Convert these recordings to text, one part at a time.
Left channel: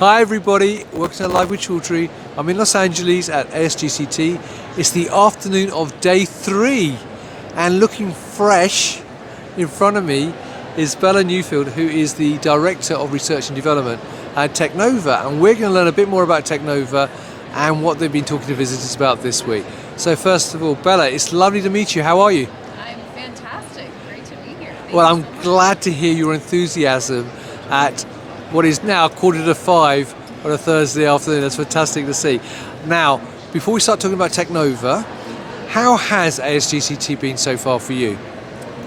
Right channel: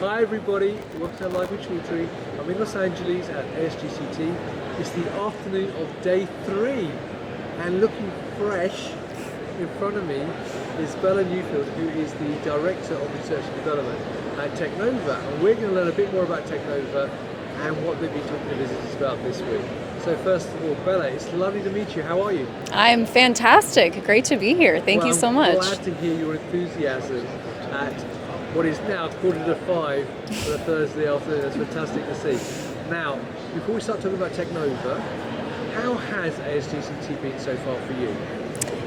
Hi everybody, welcome to Live with Chaudhry. I'm in Los Angeles at ASGCT. It's the afternoon of day 3 and looking fresh in front of me is Bella Neufeld, who is the Director of Research and Development at Teknova, and we're going to learn a bit more about Teknova and what they've been talking to visitors about this week. So first of all, Bella, it's lovely to meet you. How are you? I'm fantastic. Great to be here. Thank you so much. I'm glad to hear your enthusiasm at what is now 4:45 on a Thursday afternoon. That's fantastic to see. Now, before we start talking about Teknova, how has ASGCT been so far for you?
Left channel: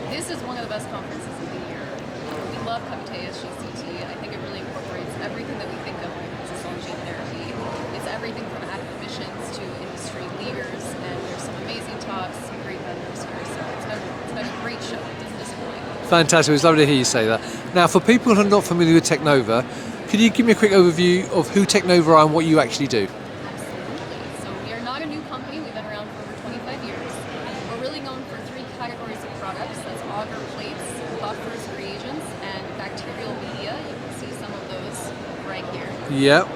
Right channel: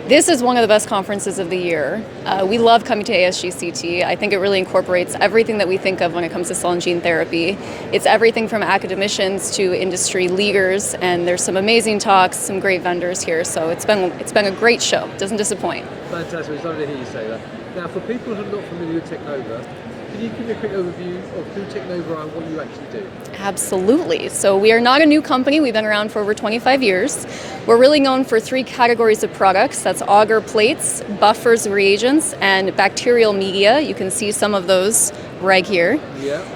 This is one of the best conferences of the year. We love coming to ASGCT. I think it really incorporates everything that we think of when it comes to cell and gene therapy. It's everything from academicians to industry leaders, and there's some amazing talks, some great vendors here. So it's been a great show. It doesn't disappoint. Fantastic. It's lovely to hear you say that. Now, for people who are not familiar with Teknova, could you give me a quick overview of who Teknova are and what you actually do? Absolutely. So we are not a new company. We've been around for over 25 years. We're really known for 3 categories of products. That's agar plates, buffers, reagents, and bacterial media. You can see some of those right here. Yep.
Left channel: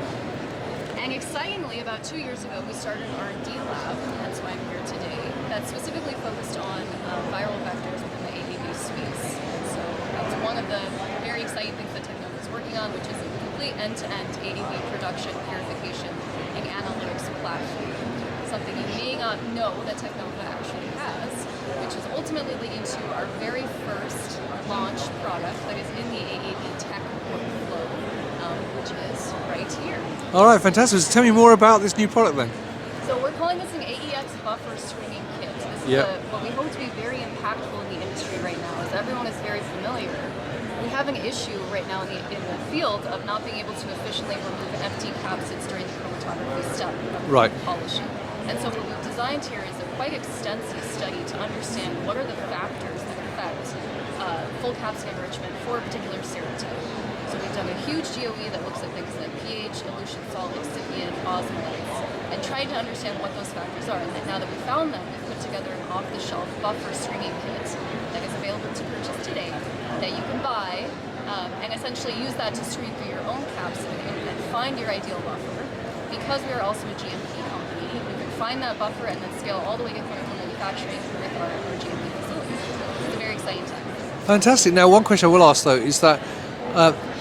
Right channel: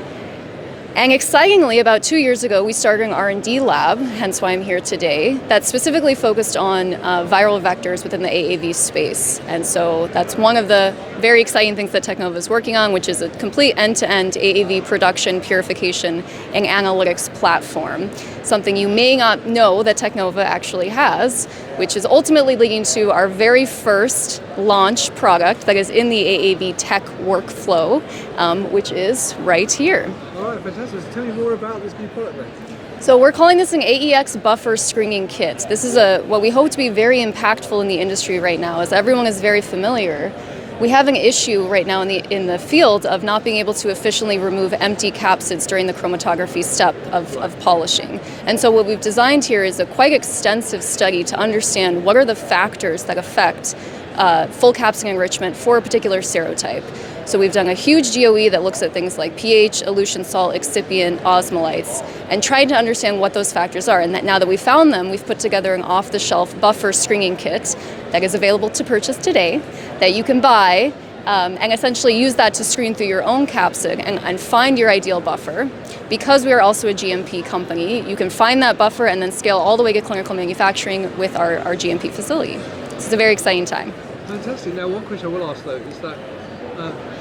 And excitingly, about 2 years ago, we started an R&D lab, hence why I'm here today, that's specifically focused on viral vectors within the AAV space. And so that's one of the very exciting things that Teknova is working on, which is a complete end-to-end AAV production, purification, and analytics platform. Something you may not know that Teknova actually has, which is ultimately leading to our very first launch product that is in the AAV-Tek workflow, which is right here. All right, fantastic. So tell me more about this new product then. So we're calling this an AEX buffer screening kit. This is what we hope to be very impactful in the industry right now, as everyone is very familiar. We have an issue right now in the field of not being able to efficiently remove empty capsids during the chromatography step of polishing. And so what we've designed here is a quite extensive study to understand what are the factors that affect full capsid enrichment for a particular serotype. So we've done a huge GOE that looks at things like pH, elution salt, excipient, osmolytes, and tried to understand what those factors are. And that now that we've found them, we've put together an off-the-shelf buffer screening kit that is available to purchase today, that you can buy and essentially use that to screen through your own capsid and find your ideal buffer. Because we are also a GMP company, you can find that buffer and then scale all the way to clinical manufacturing with our GMP facility. This is a very exciting time. Fantastic. Now, one question I will ask though is that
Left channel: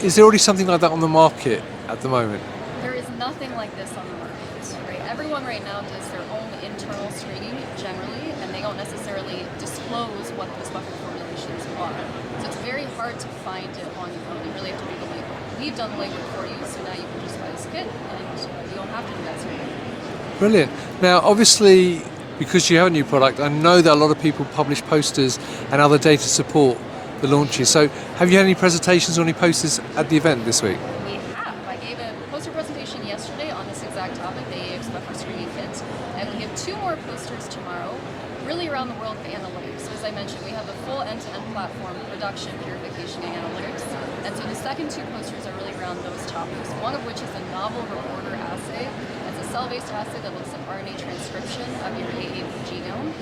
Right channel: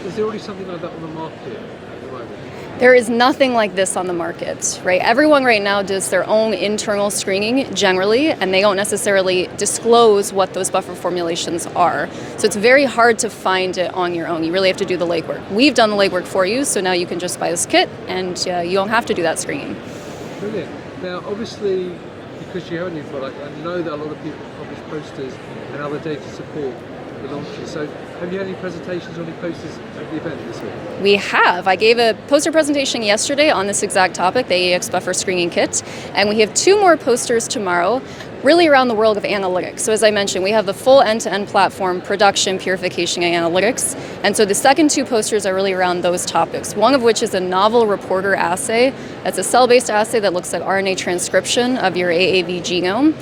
is there already something like that on the market at the moment? There is nothing like this on the market, right? Everyone right now does their own internal screening generally, and they don't necessarily disclose what those buffer formulations are. So it's very hard to find it on your own. You really have to do the legwork. We've done the legwork for you, so now you can just buy this kit and you don't have to do that screening. Brilliant. Now, obviously, because you have a new product, I know that a lot of people publish posters and other data support the launches. So have you had any presentations or any posters at the event this week? We have. I gave a poster presentation yesterday on this exact topic, the AEX buffer screening kit, and we have 2 more posters tomorrow, really around the world of analytics. So as I mentioned, we have the full end-to-end platform, production, purification, and analytics. And so the second 2 posters are really around those topics, one of which is a novel reporter assay. That's a cell-based assay that looks at RNA transcription of your AAV genome.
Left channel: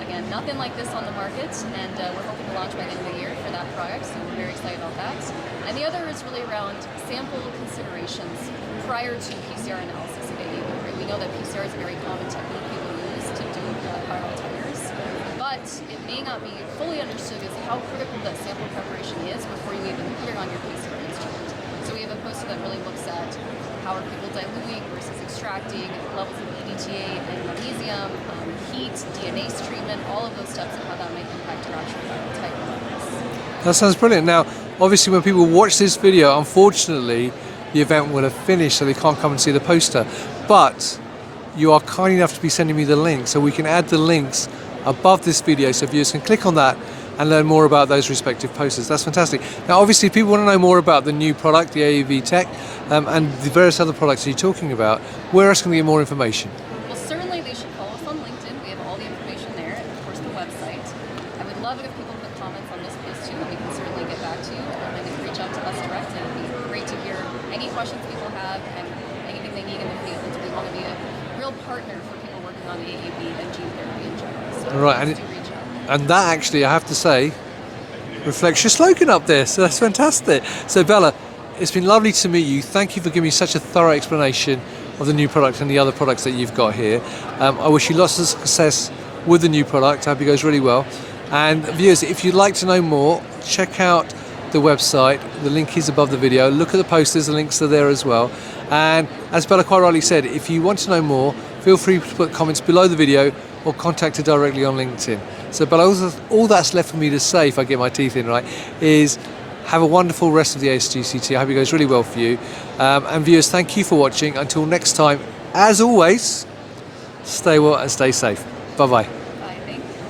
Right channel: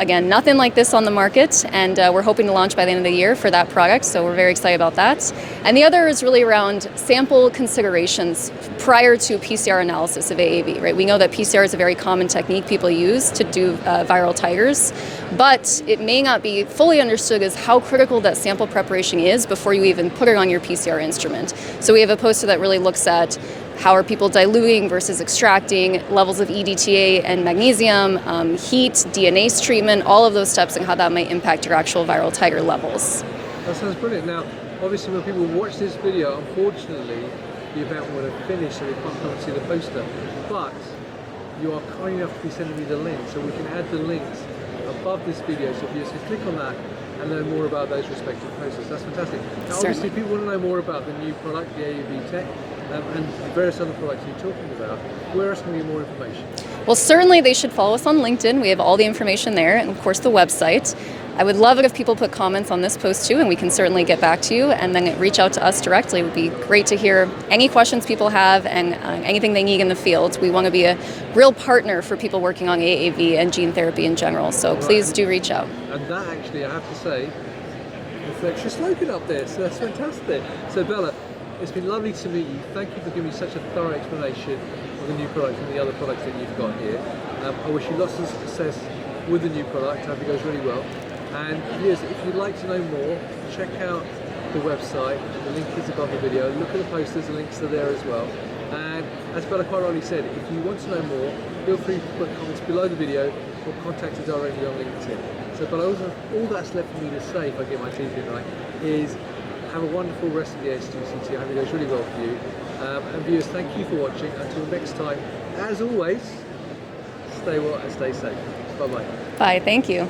Again, nothing like this on the market, and we're hoping to launch by the end of the year for that product, so we're very excited about that. And the other is really around sample considerations prior to PCR analysis of AAV, right? We know that PCR is a very common technique people use to do viral titers, but it may not be fully understood as how critical that sample preparation is before you even put it on your PCR instrument. So we have a poster that really looks at how are people diluting versus extracting, levels of EDTA and magnesium, heat, DNase treatment, all of those steps and how that might impact your actual viral titer levels. That sounds brilliant. Now, obviously when people watch this video, unfortunately, the event will have finished, so they can't come and see the poster. But you are kind enough to be sending me the link, so we can add the links above this video, so viewers can click on that and learn more about those respective posters. That's fantastic. Now, obviously, if people want to know more about the new product, the AAV-Tek, and the various other products that you're talking about, where else can we get more information? Well, certainly they should follow us on LinkedIn. We have all the information there, and of course the website. I would love it if people put comments on this post too, and we can certainly get back to you, and then reach out to us directly. It would be great to hear any questions people have and anything they need in the field. We want to be a real partner for people working on AAV and gene therapy in general, so please do reach out. And that actually, I have to say, reflects your slogan up there, so that's fantastic. So Bella, it's been lovely to meet you. Thank you for giving me such a thorough explanation of the new product and the other products that you've got here. I wish you lots of success with the new product. I hope it goes really well. And viewers, if you'd like to know more, check out the website. The link is above the video. Look at the posters, the links are there as well. And as Bella quite rightly said, if you want to know more, feel free to put comments below the video or contact her directly on LinkedIn. So Bella, all that's left for me to say, if I get my teeth in right, is have a wonderful rest of the ASGCT. I hope it goes really well for you. And viewers, thank you for watching. Until next time, as always, stay well and stay safe. Bye-bye. Bye, thank you.